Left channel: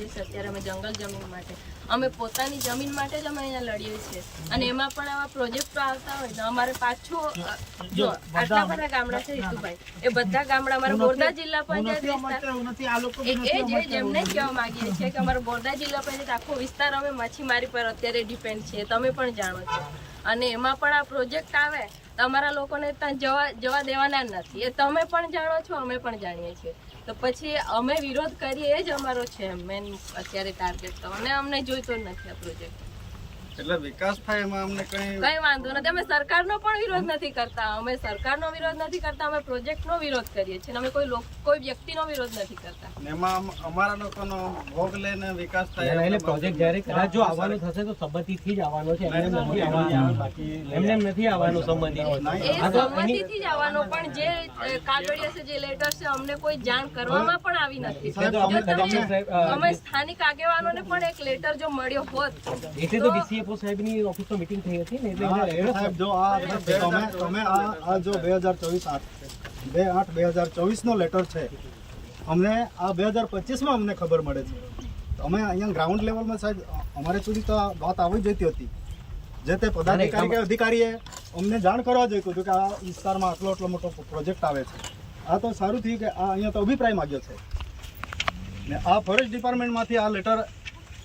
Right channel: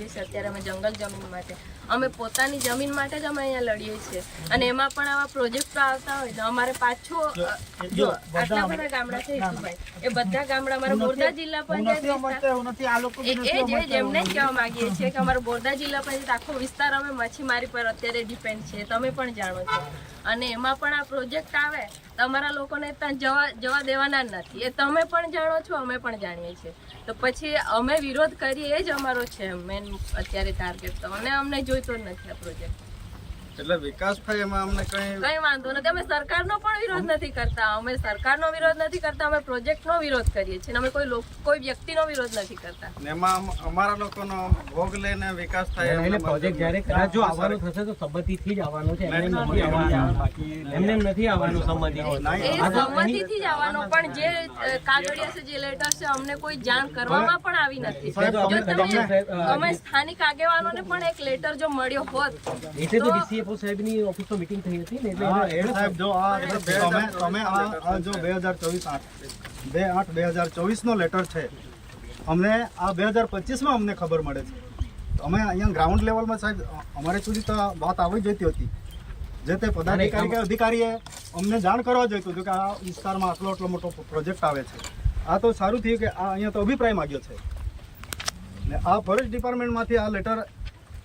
કરીએ છીએ અત્યારે અમે જંગલ જમીન માટે, અમે પોતાની જમીન માટે જ અમે અહીંયા લડીએ છીએ અને એમાં પણ આવા પ્રોજેક્ટો આવતા હોય તો અમારે પાછું જો આટલા બધા ગામડા છે હિતુભાઈ, એ બધા ગામડા અમારા બોરદા જિલ્લા પંચાયત એમને જ કહેવા માંગીએ છીએ કે અમારો બોરદા જિલ્લા પંચાયત આખો વિસ્તાર અમે માછીમારી પર અત્યારે ડિપેન્ડ છે, તમે પણ જાણો છો, અને એમાં પણ આ પ્રોજેક્ટ આવે તમારા લોકોને ત્યાં જવા દેવાના નથી, એ તમે પણ જાણો છો, અમે પણ જાણીએ છીએ, તો પછી અમે વિરોધ કરીએ એ જ અમારો છે મેન અત્યારે ટાર્ગેટ, તો અને અમને જોઈતો જ નથી આ પ્રોજેક્ટ, એટલે વિકાસ થાય એમાં અમને કઈ વાંધો નથી, અમે સરકારનો પણ વિરોધ નથી કરતા, અમે સરકારનો વિરોધ નથી કરતા, અમે પ્રોજેક્ટનો વિરોધ કરીએ છીએ, અમે કોઈ વ્યક્તિનો વિરોધ નથી કરતા, એમાં અમારા લોકોનો ભોગ લઈને વિકાસ થાય એટલે પ્રોજેક્ટ જ્યારે કદાચ જો આવવાનો થશે તો સંમતિથી જ આવવાનો છે, એમને નથી આવવાનો સંમતિથી જ આવવાનો, પણ જે કાગળિયા છે, જે લેટર છે, અમને કોઈ જાણ કરવામાં પણ આવી નથી, અમે સ્થાનિક આગેવાનોને પણ એક લેટર જો મળ્યો હોત એટલે તો ડીસીએફઓ સાહેબની ઓફિસમાં મીટિંગ થઈ હતી ને, એટલે સાહેબ જો અમે આ જો 2024 નો લેટર છે, અમને આ 2025 માં અમને ખબર મળે છે, તો અમે અહીંયા ગ્રાઉન્ડ લેવલમાં સાહેબ અમારે સુધી તો વાત આવી જતી હતી, જે તે પદાધિકારી કે અધિકારીએ અમને જાણ કરવા જોઈતું હતું કે આ વિસ્તારમાં આટલો મોટો પ્રોજેક્ટ આવે છે, આ તો સારું થયું કે આ અહીંયા તો અભિપ્રાય માગ્યો છે ને આ ફોરેસ્ટ ડિપાર્ટમેન્ટમાંથી આ લેટર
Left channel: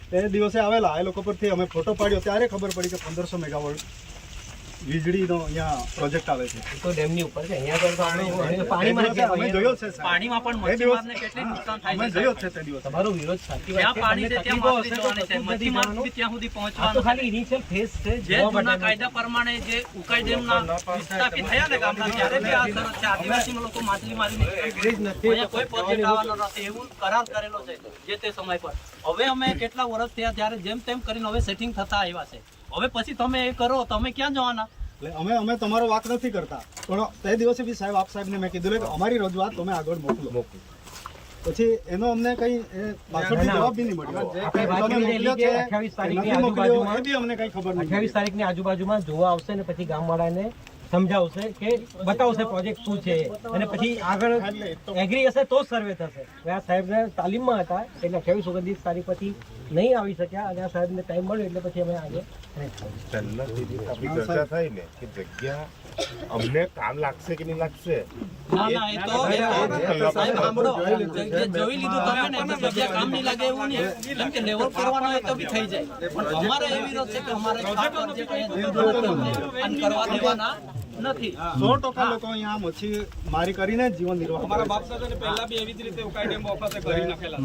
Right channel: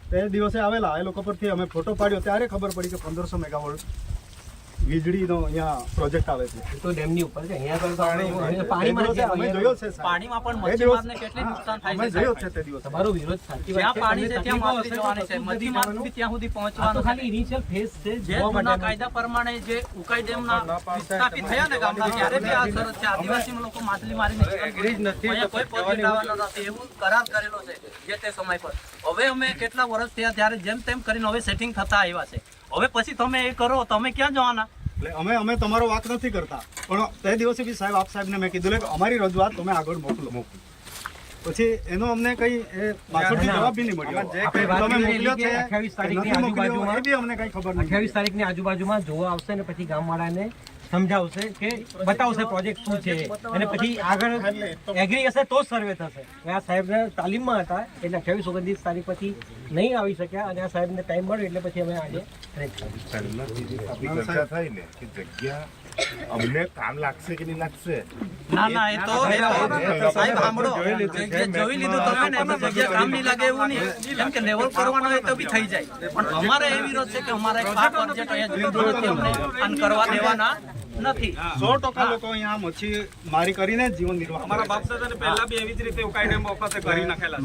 તે દિવસે આવેલા, એ લોકો પરથી અમે ફોટો પાડ્યો ત્યારે ખબર પડી કે 1500 મેગાવોલ્ટ વીજળીનો અહીંયા પ્રોજેક્ટ આવે છે, તો ડેમની ઉપર છે, અહીંયા અમે જોયો છે, પાણીમાં પણ મચ્છીમારને કેટલી નુકસાન થાય અમે જોયો છે તે દિવસે. તમારો વિરોધ સાચી વાત છે, પાણી છે ત્યાં માપી જવાની છે, મચ્છીમારનું બી ત્યાં સુધી પહોંચવાનું ખાલી ઇનિશિયલ ફેઝ છે, જે જૂના કાયદા પ્રમાણે જે ઉકાઈ ડેમના વિસ્થાપિત થયા ને ગામડા, ત્યારે બી આ શરત છે, આદિવાસી લોકો માછલી મારીને અહીંયા કોઈ પ્રોજેક્ટ આવવાનો નથી એવું કરાર કરેલો છે જે તે સમય પર. હવે અમે કેટલા વર્ષ થયા ત્યારે જેમ તેમ કરીને હવે સેટિંગ થતા આવ્યા છે, હવે પછી તમે એ કરો તમે ક્યાં જવાના? એટલે અમે તમારો વાક નથી કરતા, પણ તે દિવસે બી સાહેબ આપ સાહેબને મેં કીધું કે અમારી રજૂઆત તમે આગળ મોકલો, પછી એનો અમને કઈ પાછળથી જવાબ બી નહીં મળ્યો, તમે મોકલ્યો છે નથી મોકલ્યો એ બી અમને કઈ ખબર નહીં. 28 તારીખની આજુબાજુમાં જોવા આવશે ને પછી ગામવાળાને સમજાવશે કે બતાવશે પ્રોજેક્ટ શું છે, અને પછી આગળ એગ્રી હશે તો જ સર્વે થશે. આ સાહેબને તાલીમમાં હતા એટલે 28-29 તારીખ પછી નહીં આવી શક્યા, અને આ સાહેબને ટાઈમ મળ્યો એટલે પછી અમે આજે આપણી ચર્ચા થઈ ને કે જગ્યા અમને કામ લાગશે કે નહીં લાગશે. ના ના, એ તો સાહેબ સાંભળો, જોઈ લીધું તમે ને તો જગ્યા કામ નહીં લાગે એવું નહીં, કેમ કે લેવલ કરવાનું હોય તો બી થઈ જાય, પણ અમારે એ વિરોધ છે કે અમારે આ પ્રોજેક્ટ અહીંયા કરવા દેવાના નથી. 100% લોકો અહીંયા મચ્છી મારી કરીને જીવન નિર્વાહ અમારા બાપ દાદાને પહેલા બી એવી જ રીતે ઉકાઈ ડેમ વખતે કરી નાખેલા છે.